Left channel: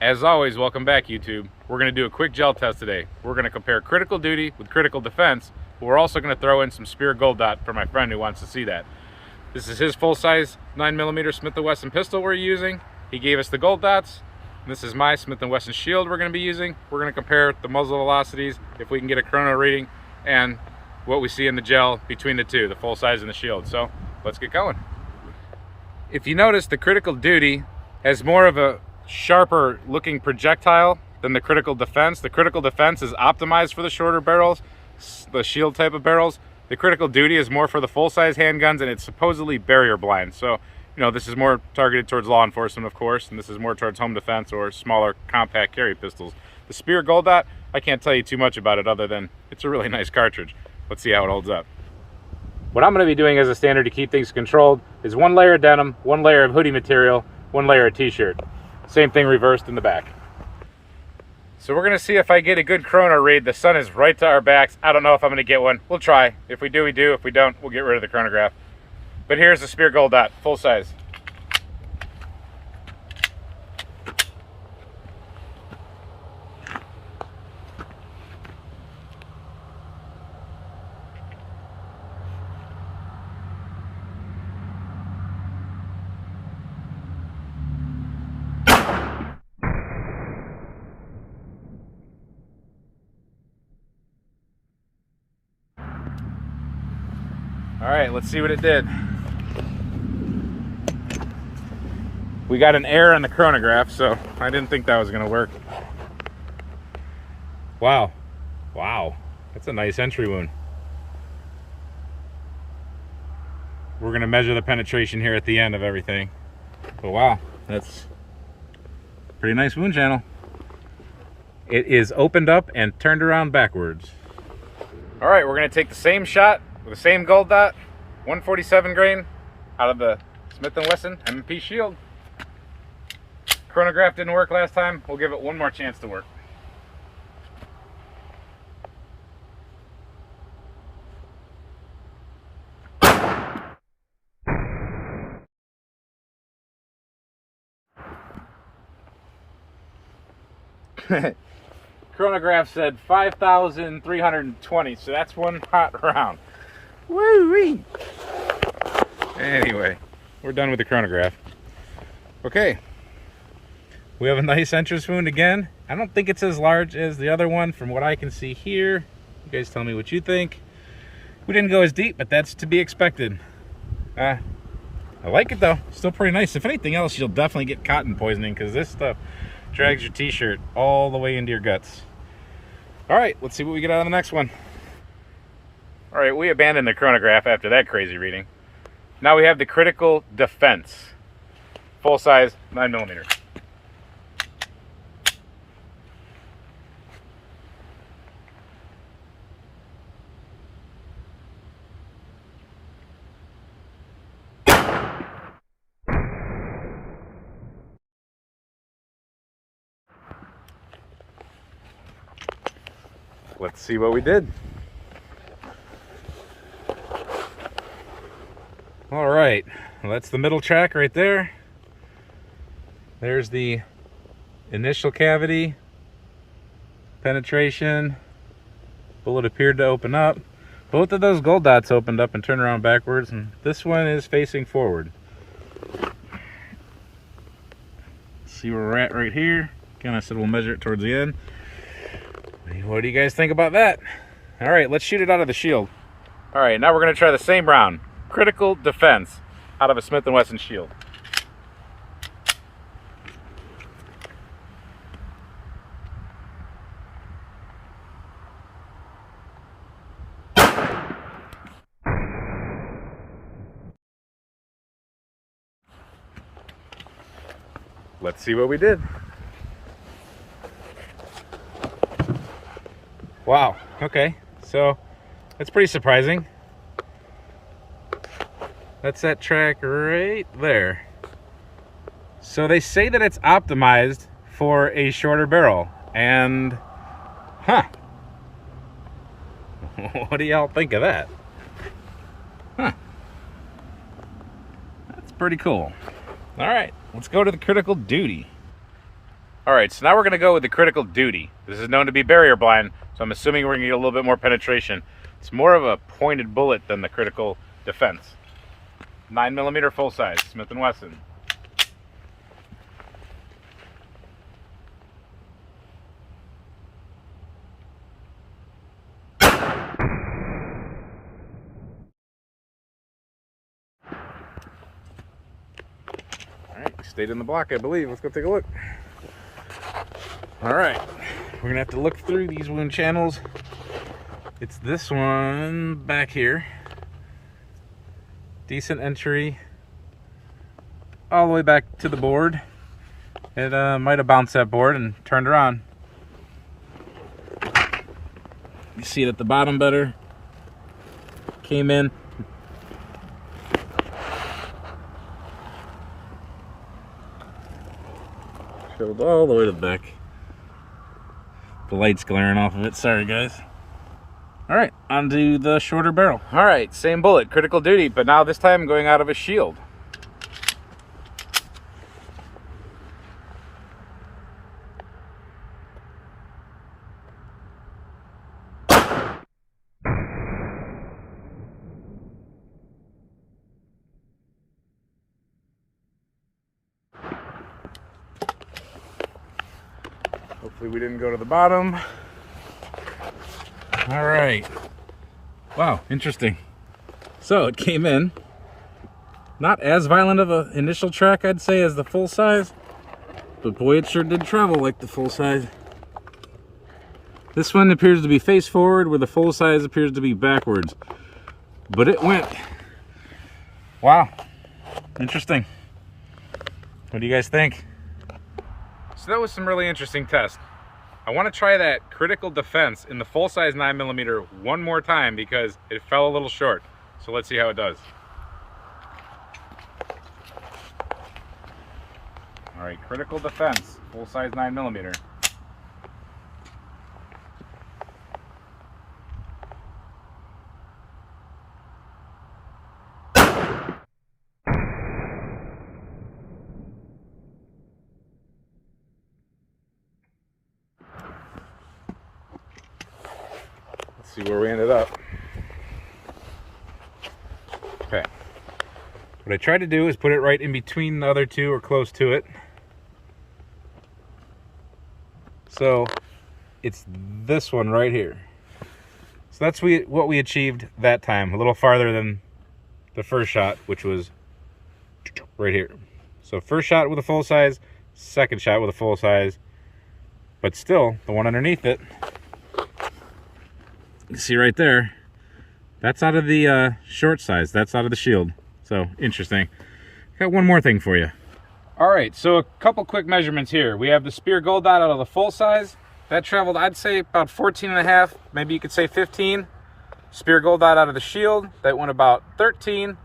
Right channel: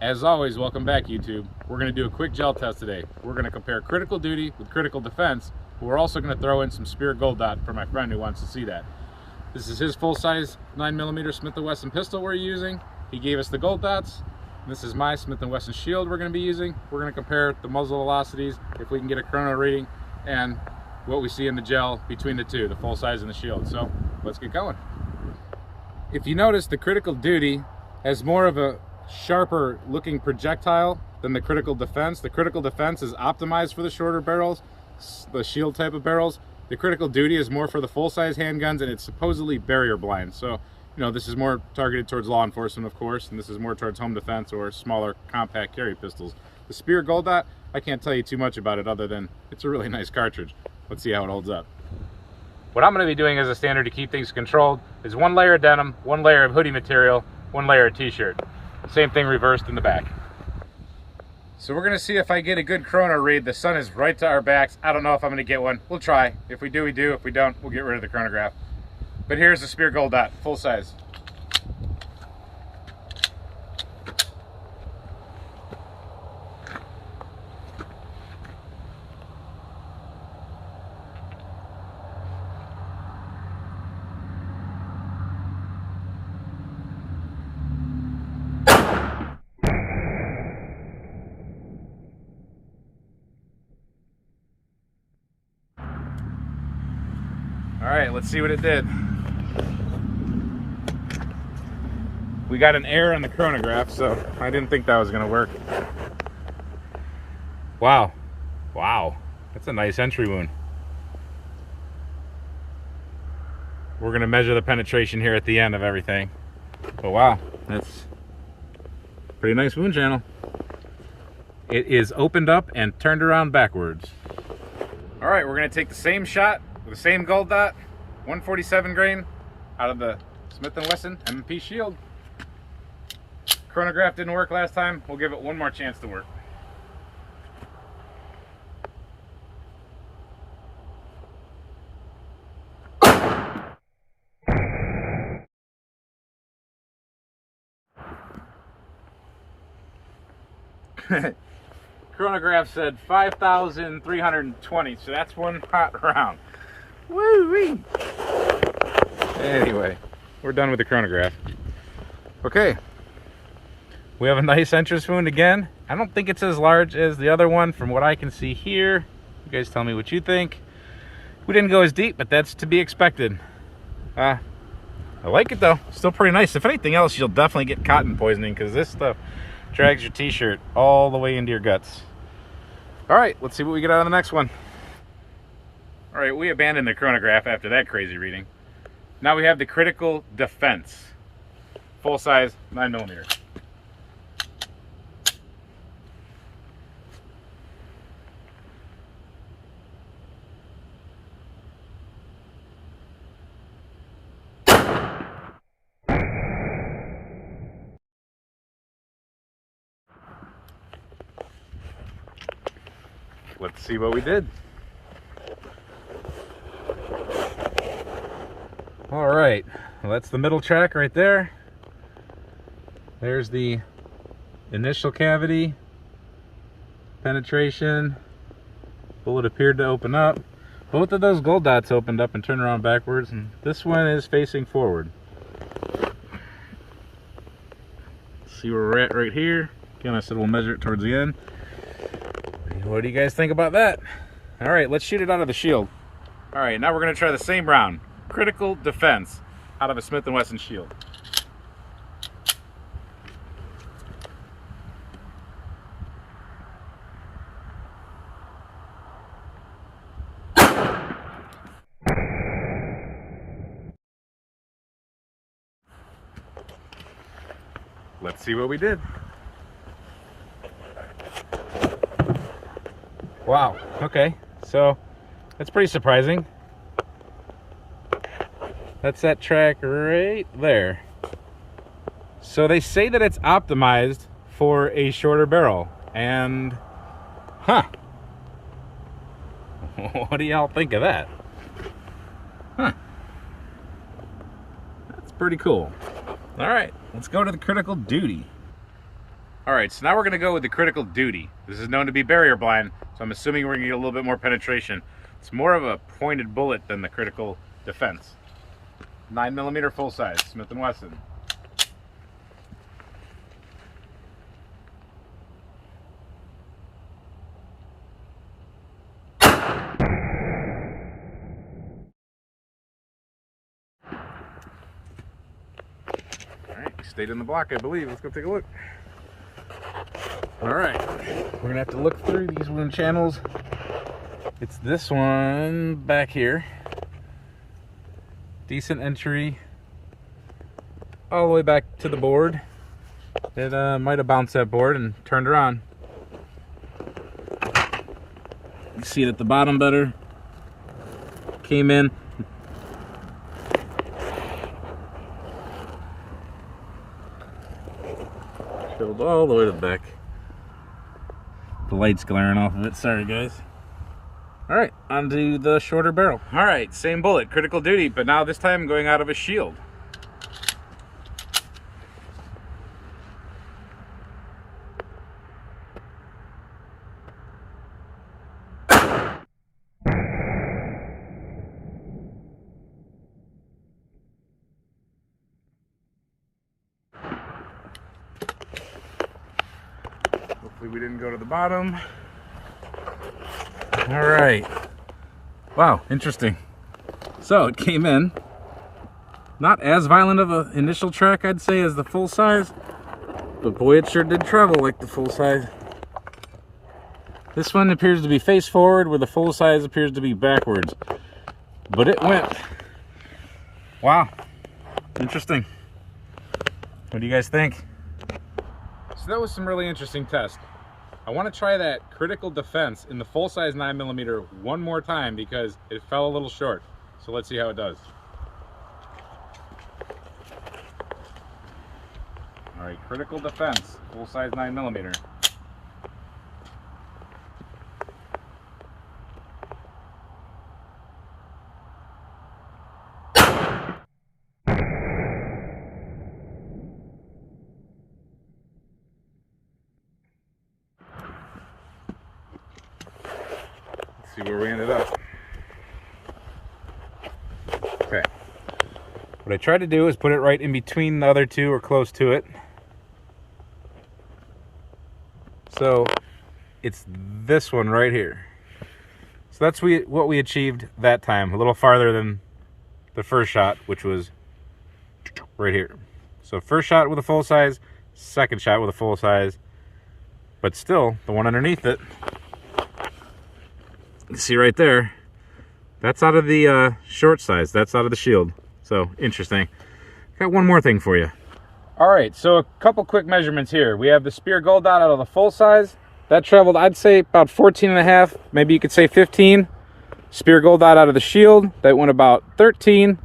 As always, welcome back, YouTube. We're going to do a quick gel test today. We're going to compare Critical Duty with Critical Defense, but we're also going to throw in some Spear Gold Dot for my friend who wants to see that. This is his full-size 9mm Smith & Wesson pistol we're using. He gave us the gold dots. This is my Smith & Wesson shield we're going to be using. We're going to compare the muzzle velocities, if we can get a chrono reading, and what we see in the gel between the two, the full-size and the shield. So let's get going. If you notice, the Critical Duty has more of a sharper looking projectile than the Critical Defense. The Critical Defense is optimized for the shorter barrels, the shield type of barrels. The Critical Duty is more for the full-size handguns, and it's supposedly barrier blind. So, you know, this is more targeted towards law enforcement, of course, and this is more towards home defense or smaller compact carry pistols. The Spear Gold Dot, I can't tell you too much about it other than it's a really nice cartridge. Let's see how it holds up. What I'm going to be doing as a standard to keep things controlled is one layer of denim, one layer of hoodie material, one layer of t-shirt. Same thing reversed in the back. So we're going to see if I get a good chrono read. The sun is right to our backs. I don't know if I'm going to get one. We'll try. If we do, we do. If we don't, we'll get rid of the chronograph. But here's the Spear Gold Dot, full size. All right, let's see what it did. We got an error on the chronograph, so I didn't think that was gonna work. Wow, that's a nice entry wound. We're gonna measure the penetration here at the end of everything. But wow, that's a pretty nice wound channel. It is opened up and turned around backwards. All right, we're gonna take the same shot with the same gold dot, 147 grain out of the Smith & Wesson M&P shield. Chronograph didn't work last time. We'll give it one more chance to work. Chronograph said 5,320, so that's one hot round. Woo-wee! Anyway, we're done with the chronograph. Okay, we have a nice entrance wound again. I don't think it's as large as the other one from what I can see here. You guys tell me what you think. We didn't go as deep, but that's to be expected. I like it though, still pretty nice. If anything else, you'll definitely get cotton poisoning because this stuff drags your t-shirt all the way into your guts. All right, let's see what we get out of the next one. All right, we abandoned the chronograph after that crazy reading. Now we have the Critical Defense, full size 9mm. Let's see what we did. All right, well, that's the middle track right there. There's the initial cavity, penetration. Bullet appeared to open up. Both of those gold dots opened up and turned around backwards, and this one is facing forward. See where we're at right here. Again, I said we'll measure it towards the end. What do you guys think about that? All right, let's shoot it out of the shield. All right, now we're gonna try the same round. Critical Defense out of a Smith & Wesson shield. Let's see what we did. Wow, okay, so that's pretty surprising. That's that track right there. So they say that it's optimized for a shorter barrel, and what do y'all think of that? That's pretty cool. All right, let's go to the Critical Duty. Alright, so now we're going to go with the Critical Duty. This is known to be barrier blind, so I'm assuming we're going to get a little bit more penetration. It's more of a pointed bullet than the Critical Defense. 9mm full size, Smith & Wesson. Alright, we stayed in the block, I believe. Let's go take a look. Alright, we're going to have to look through these wound channels. It's this one back here. Decent entry all the way back to the board. It might have bounced that board and turned around. You see it at the bottom better. Came in. Filled all the way to the back. The light's glaring off of it. Sorry, guys. Alright, onto the shorter barrel. Alright, same bullet, Critical Duty, but now this time going out of a shield. Hopefully we didn't go to the bottom. All right. Wow, interesting. So it came in. Not as violent of an initial track, I'd say, as the full size. But boy, it sure did travel like the full size. This one appears to be face forward, where the full size appears to be backwards. But it went. Wow. Interesting. What do you guys think? So that was some really interesting tests. I want to try that Critical Defense in the full-size 9mm one more time because it fell a little short. So let's see how it does. All right, Critical Defense, full-size 9mm. See where we ended up. Okay. What I tried to do is put it right in between the other two or close to it. So it's this one right here. So that's what we achieved that time, a little farther than the first shot, which was right here. So first shot with a full size, second shot with a full size, but still the one underneath it, you see right there, that's out of the short size, that's out of the shield. So interesting. Got one more thing for you. All right, so a couple quick measurements here. We have the spear gold dot out of the full size. That traveled, I'd say, about 14.5, maybe you could say 15. Spear gold dot out of the shield, that went about 13.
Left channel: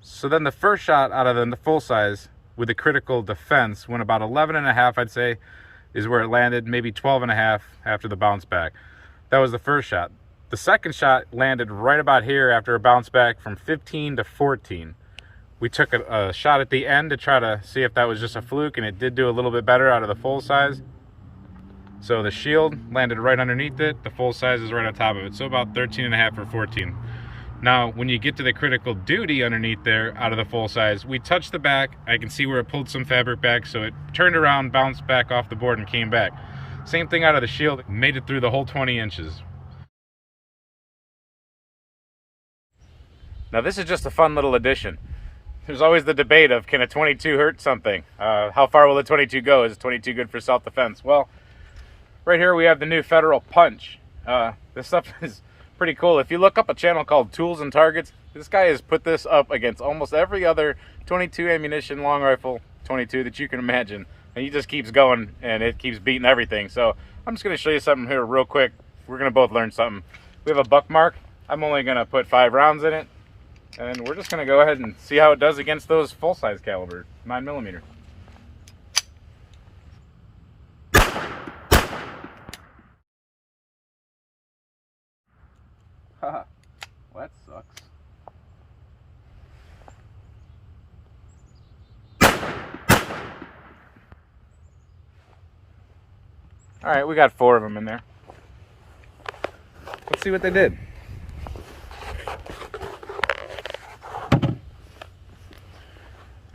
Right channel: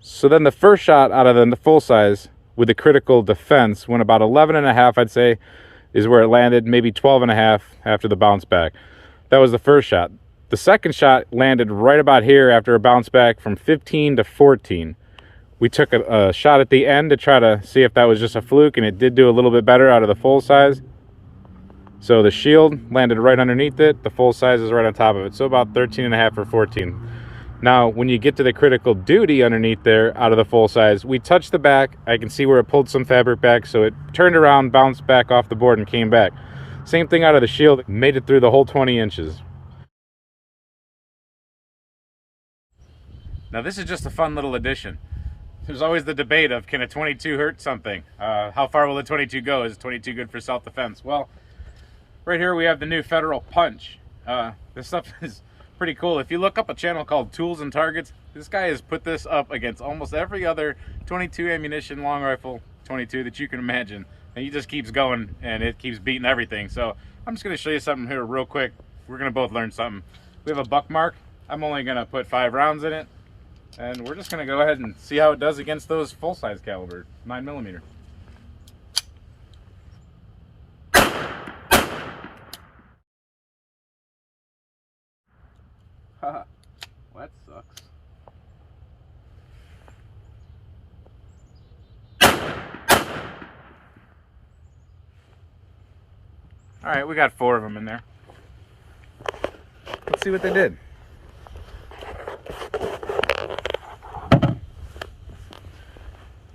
So then the first shot out of the full size with the Critical Defense went about 11.5, I'd say, is where it landed, maybe 12.5 after the bounce back. That was the first shot. The second shot landed right about here after a bounce back from 15 to 14. We took a shot at the end to try to see if that was just a fluke, and it did do a little bit better out of the full size. So the shield landed right underneath it. The full size is right on top of it. So about 13.5 or 14. Now, when you get to the Critical Duty underneath there out of the full size, we touched the back. I can see where it pulled some fabric back, so it turned around, bounced back off the board, and came back. Same thing out of the shield, made it through the whole 20 inches. Now this is just a fun little addition. There's always the debate of, can a 22 hurt something? How far will the 22 go? Is 22 good for self-defense? Well, right here we have the new Federal Punch. This stuff is pretty cool. If you look up a channel called Tools and Targets, this guy has put this up against almost every other 22 ammunition long rifle 22 that you can imagine. And he just keeps going, and it keeps beating everything. So I'm just going to show you something here real quick. We're going to both learn something. We have a buck mark. I'm only going to put 5 rounds in it. And we're just going to go ahead and see how it does against those full-size caliber 9mm. Haha, well, that sucks. All right, we got 4 of them in there. Let's see what they did.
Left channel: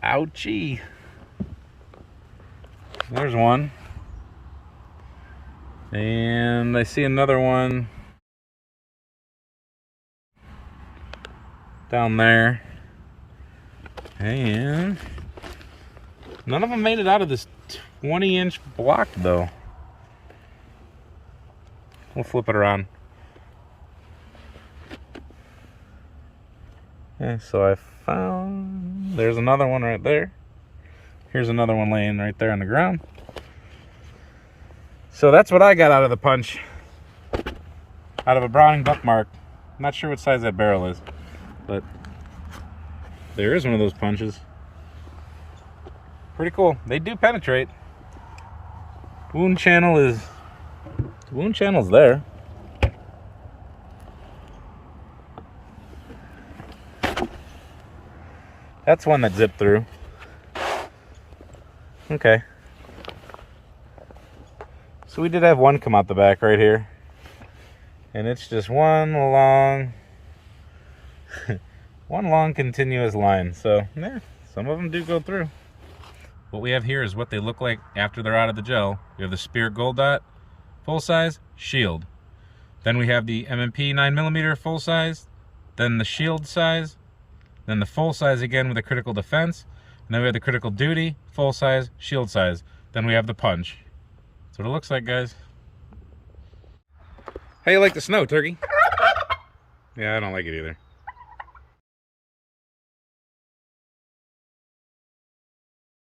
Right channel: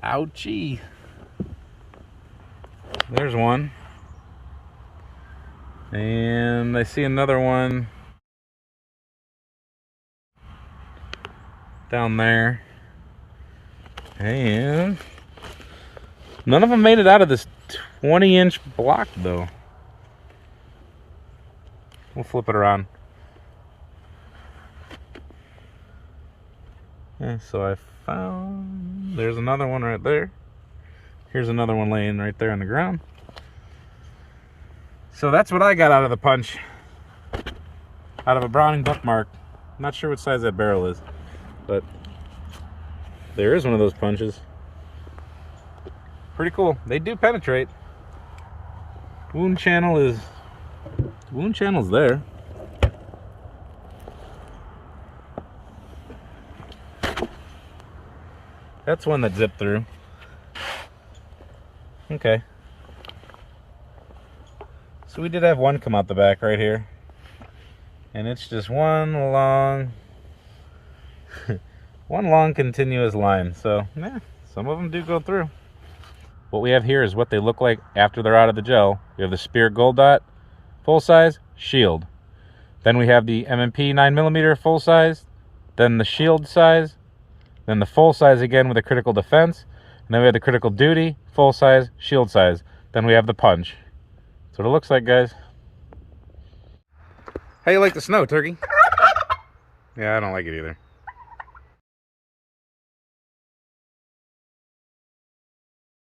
Ouchie. There's one. And I see another one down there. And none of them made it out of this 20-inch block though. We'll flip it around. Okay, so I found, there's another one right there. Here's another one laying right there on the ground. So that's what I got out of the punch. Out of a Browning Buckmark. Not sure what size that barrel is, but there is one of those punches. Pretty cool. They do penetrate. Wound channel's there. That's one that zipped through. Okay. So we did have one come out the back right here. And it's just one long continuous line. So, yeah, some of them do go through. What we have here is what they look like after they're out of the gel. We have the Spear Gold Dot, full size, shield. Then we have the M&P 9mm full size, then the shield size, then the full size again with the Critical Defense, and then we have the Critical Duty, full size, shield size. Then we have the punch. That's what it looks like, guys. How you like the snow, Turkey? Yeah, I don't like it either.